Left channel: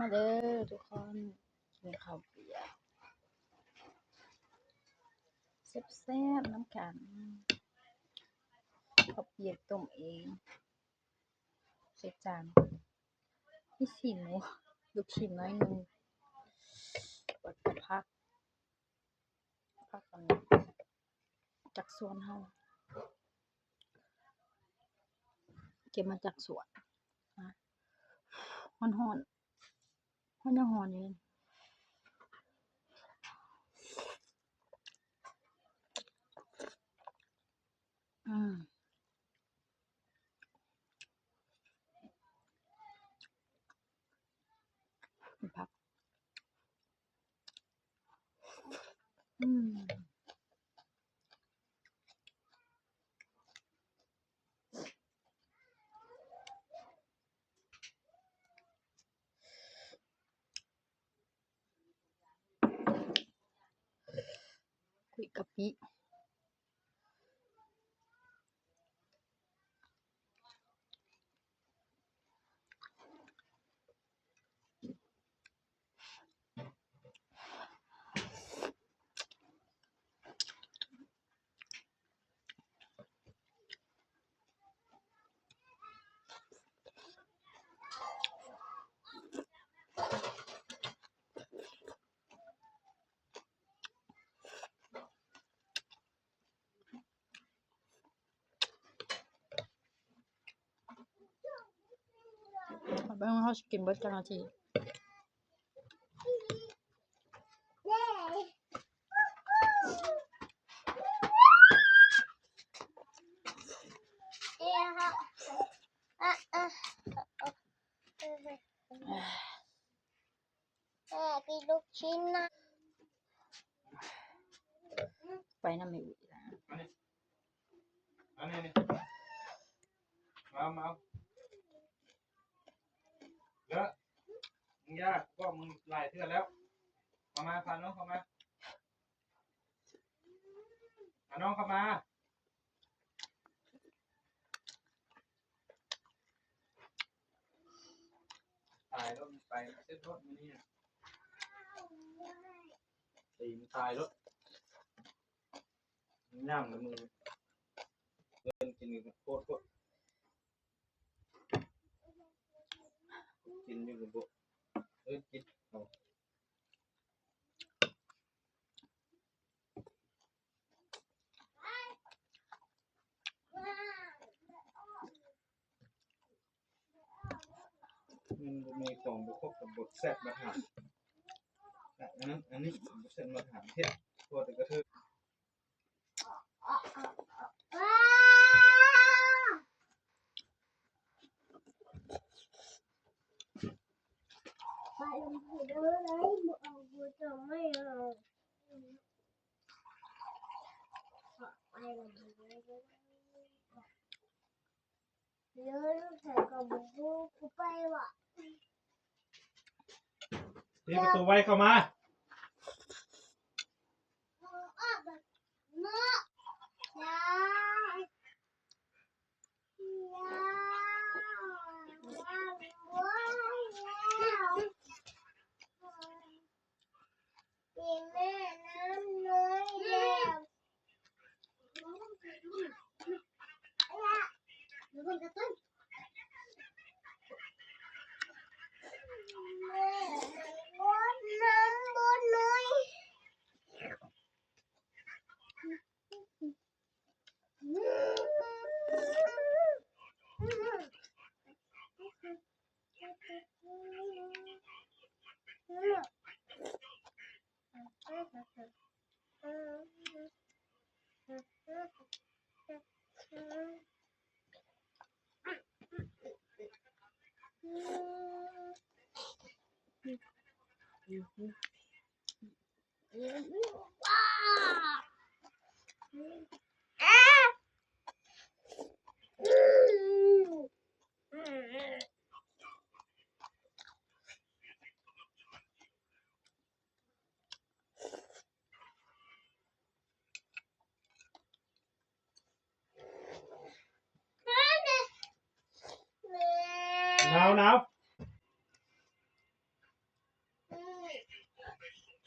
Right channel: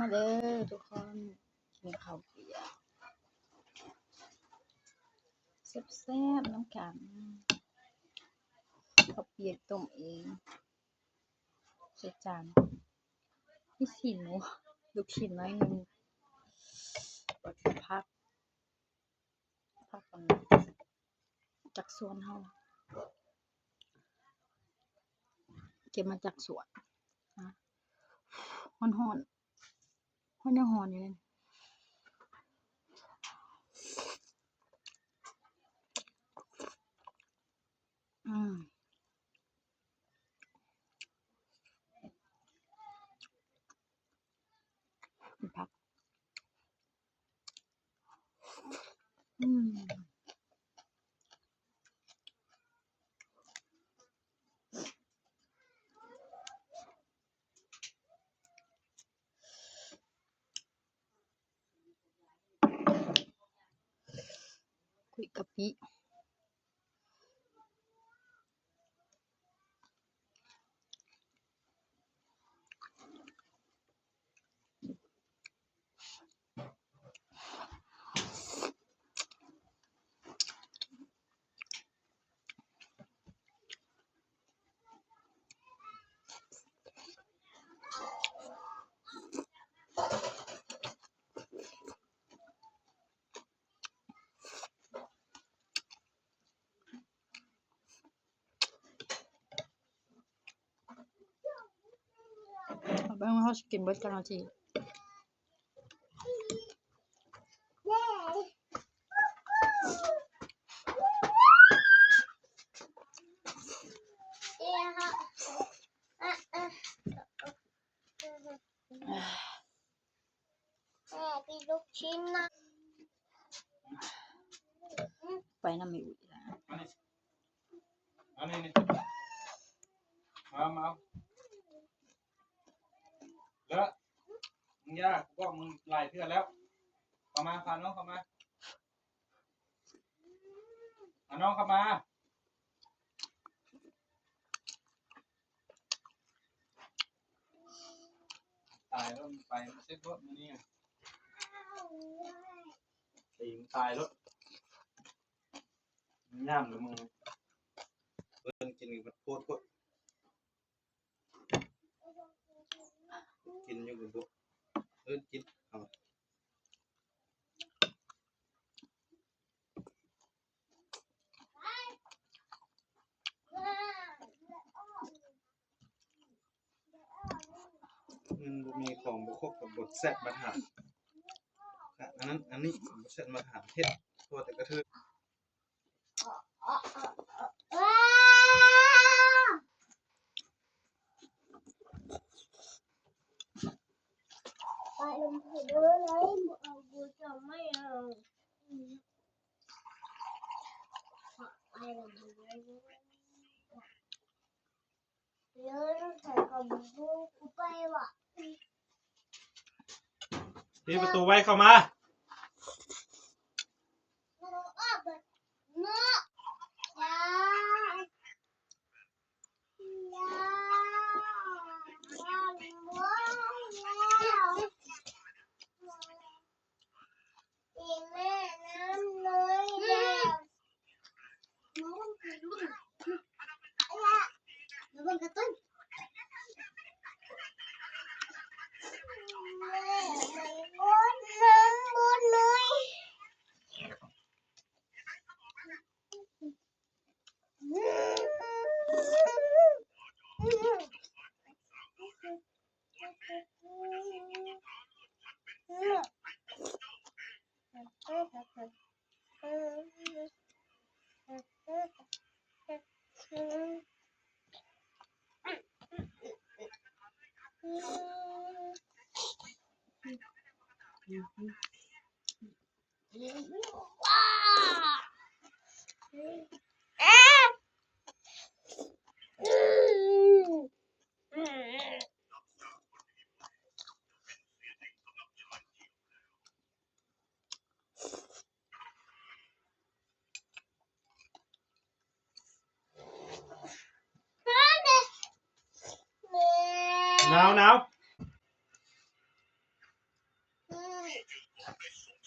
มาเด้อทุกคนกินข้าวเปียกแซ่บๆน้ำกันข้าวเปียกต้มเองใส่จานมีชิ้นหมูลูกชิ้นน้อยหนึงแล้วก็ผักอันจากสวนเฮาเก็บมาจากสวนนะฮ้อนยังฮ้อนอยู่เลยกินผักคุยกะปิเอาไปให้เฮากินเบิดจักนาทีกินลูกชิ้นนะไปนำแม่อุ่ยล่ะอันนี้มาแล้วมึงยากก็มึงหลายเทื่อแล้วเข้ามาพาน้องเข้ามาน้องเข้ามาตายแล้วไปเซ็ตรถมานี่ตีมตายรถย่ำเลยมึงเดินกินกับโคตรกินอยู่กับโบกินเอามันมีของบุคคลกับบทแซ่บมาถามอันนี้บทแซ่บมาถามเฮ็ดตัวแต่กระเทือนไปลงไปเลยเอากูจะไม่เอาไปลงไปเลยเดี๋ยวต้องใส่กับกูไปว่ะตีประตูไว้เข้ามาหนาว